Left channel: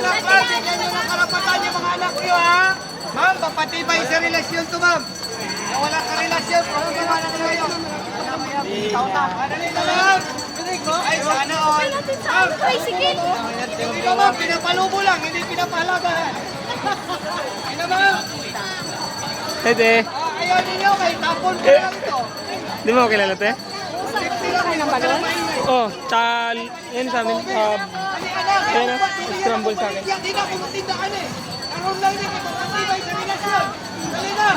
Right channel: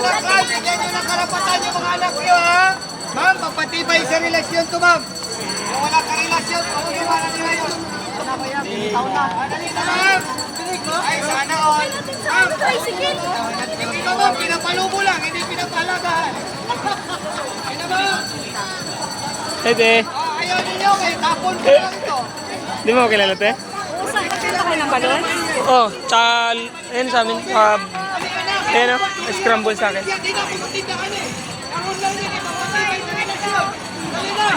anak ka, bigyan nyo ng karapatan yung mga anak nyo, ha? Ma'am, papatibay sa relasyon to, ma'am. Kung wala ka relasyon, kung gawa na nyo yun. Dali na, ma'am. Ay, sana all. Ma'am, ito, ma'am, pinapalubo lang, hindi pinapalagahan. Ito, ma'am. Ete, Ayaw ninyo, may tapon ko lang ito. di mo kilala te? Kayo ng balon? Oh, tsaka, yun sa amin, ayun o, scramble sa akin. Hindi na ako matindahan eh. Karoon lang din, ipapatibay sa relasyon. Dali na.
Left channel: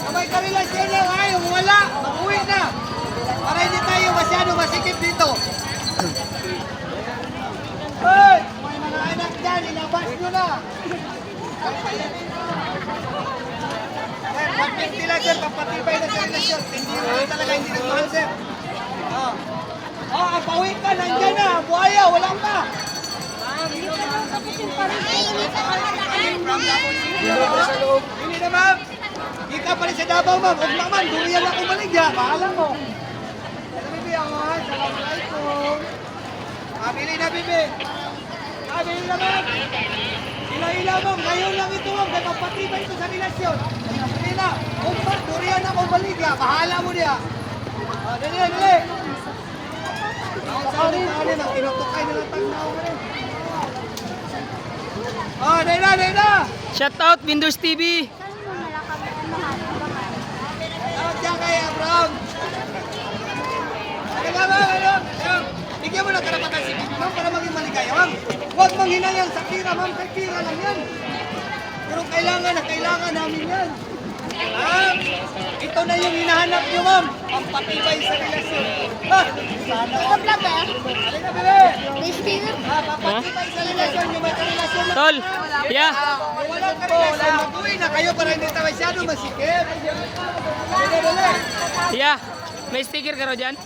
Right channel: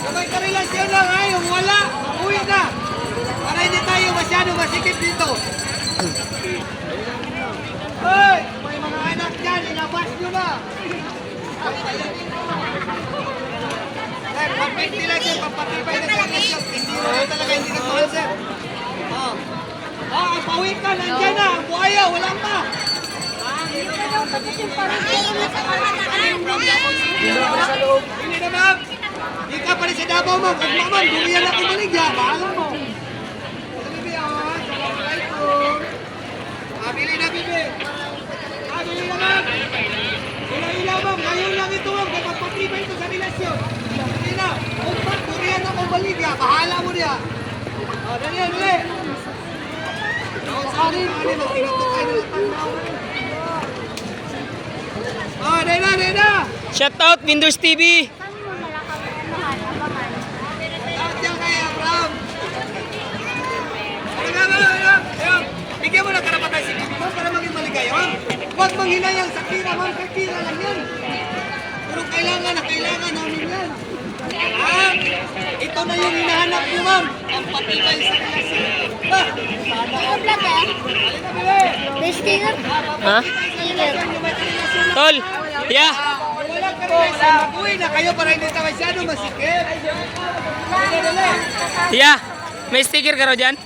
Sabay ka relasyon lang, ha? Yung wala, uwi na. Para hindi tayo masyado masikip dito. Hoy! May mga anak dyan, inabas nyo na. Pag-20 lang sir, papatibay na sa relasyon. Hindi na talaga hindi nagmahal sir. Ang pauwi ka, nandyan na. Ang buhaya, wala pa. Hindi na ma'am. Hindi ka pa rin sa Davao ma'am. Huwag naman, dumiyan ako maligya. Paalam mo. Bibi, assalamualaikum. Bili na bibi. Bili na ma'am. Ila-ila ma'am. Ngayon lang ito ma'am. Kapatibay ito sa relasyon. Hindi na. Huwag pa, dumiyan ako maligya. Pahala mo niya. Dali, dali. Oh, Nena, Nena! Shout out, Windows TV! Saan mo nala kami abangan? Lahat yan kay Abraham! Abraham! Bigyan mo ng karapatan si Bibi, ma'am, para maging maligaya, ma'am. Huwag manghinayang sa tira, ma'am. Kay tira lang yan. Pero kailangan namin yan. Ma'am, ito na yung hinahanap niyo, ma'am. Ang patibay sa relasyon. Ha? Ito vlog eh? Halika, Bibi! Stinger? Ha? Relasyon, yung may karelasyon na. Tol! Yeah! Walang karelasyon, mag-uwi na kayo para hindi tayo masyado masikip. Dali, dali. Yeah! May sticker ka raw dyan?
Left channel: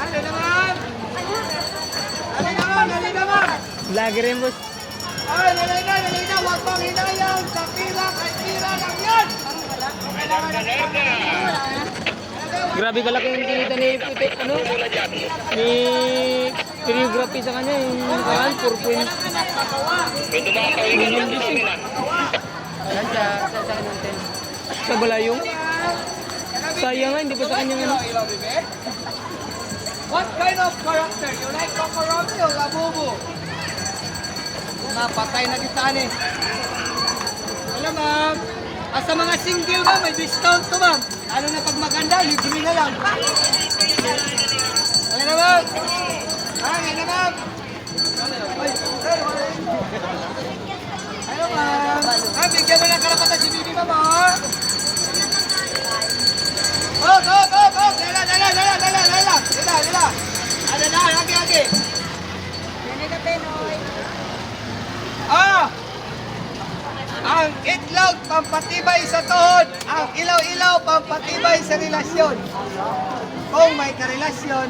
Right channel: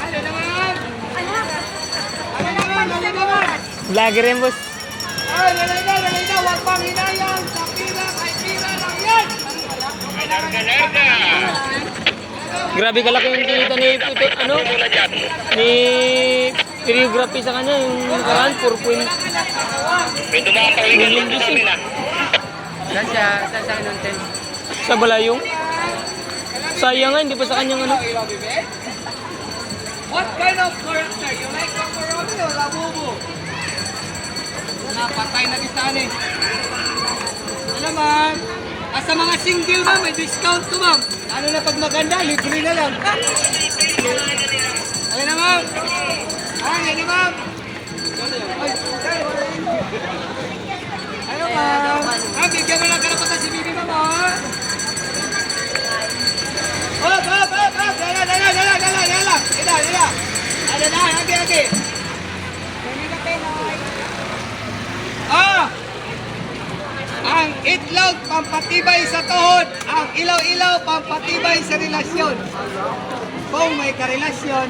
Ano naman? Ano naman? Ano naman? Vlogger yan, boss. Ay, lalay na. Huwag pang hinayang. Sa tira, kay tira lang yan. Grabe kalaki yung kinita ni, ito, ano? Ni choreography sa kanya, yung nakaraan, 4 point. Sa balayong? Sayang nga, hindi pa sa kanyang ano. What kind of character? You like Coco Romeo o Labubu? Napatay na kita ni. Alam ma'am, sa mga single ma'am, may discount to ma'am. Ano na pag maganda, libre na lang. Ayun na ma'am. Ayun na ma'am. Ano ma'am? Bigyan mo ng karapatan si Bibi ma'am ha? Hop! Dala! Dala! Ada na, lagi. Ang itlog, pampatibay sa tuhod. Ang ilaw-ilaw, pampatibay sa relasyon. Kung may karelasyon,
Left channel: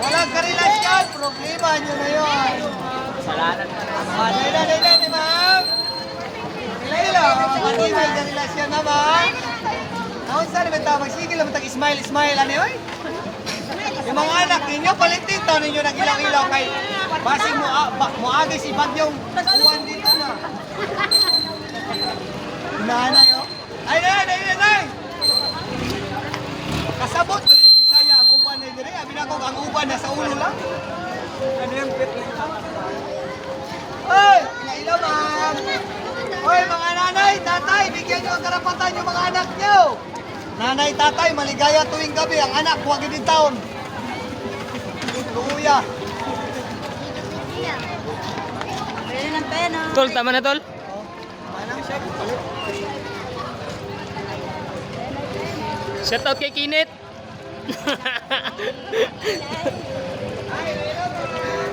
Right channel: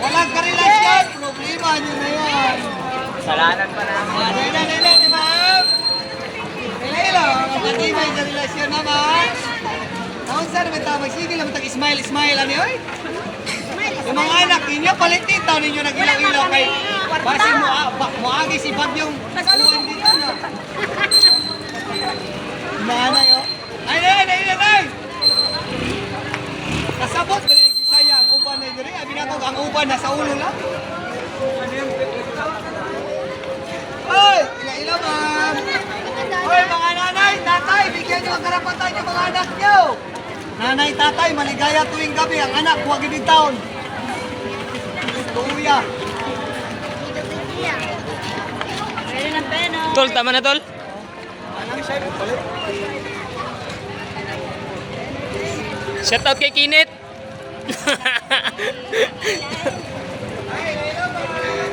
walang karelasyon, problema nyo na yun. Kasalanan pa namin. Dala, di ma'am. Ilaw-ilaw, pampatibay sa relasyon naman. Naon saan naman tawag? Sige lang, smile, ano yun? Yung mga anak ninyo, palitita ninyo ng ilang-ilaw kay base moagi si Bagyong uwan dito na. Nanay, oh. Ay! Kasabot, Bisaya, ang uban na yun. Abi na ang uban na sa ulo lang. Ano yung Hoy! Ilang-ilaw, ma'am. Hoy, mga nanay, tatay, bigyan nyo ang karapatan yung mga anak nyo. Nanay, tatay, maligaya tuwing gabi. Ang anak, huwag ibig taon. Luya. Pwede ng peno. Tol, tama na, Tol? Shout out kay Kinit!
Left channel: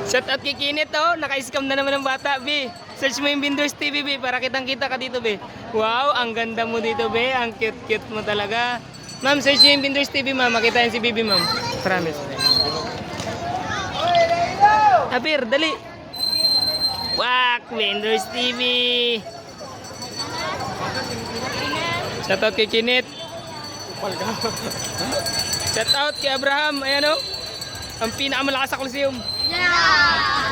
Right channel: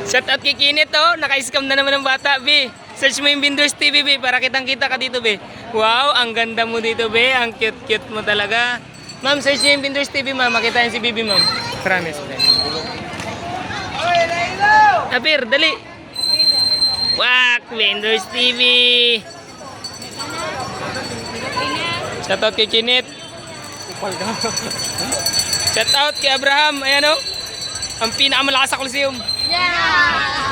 Shout out kay Kinit, oh! Naka-scam na naman ng bata, B. Search mo yung Windows TV, B, para kitang-kita ka dito, B. Wow, ang ganda mo dito, B. Ang cute-cute mo talaga. Ma'am, search mo yung Windows TV, ma'am. Makita yung si Bibi, ma'am. Promise, B. Apir, dali. Wak, Windows TV. Shout out kay Kinit. Shout out kay Abraham. Ayan, oh. Ang pinakamalakas sa Coliseum. Yeah!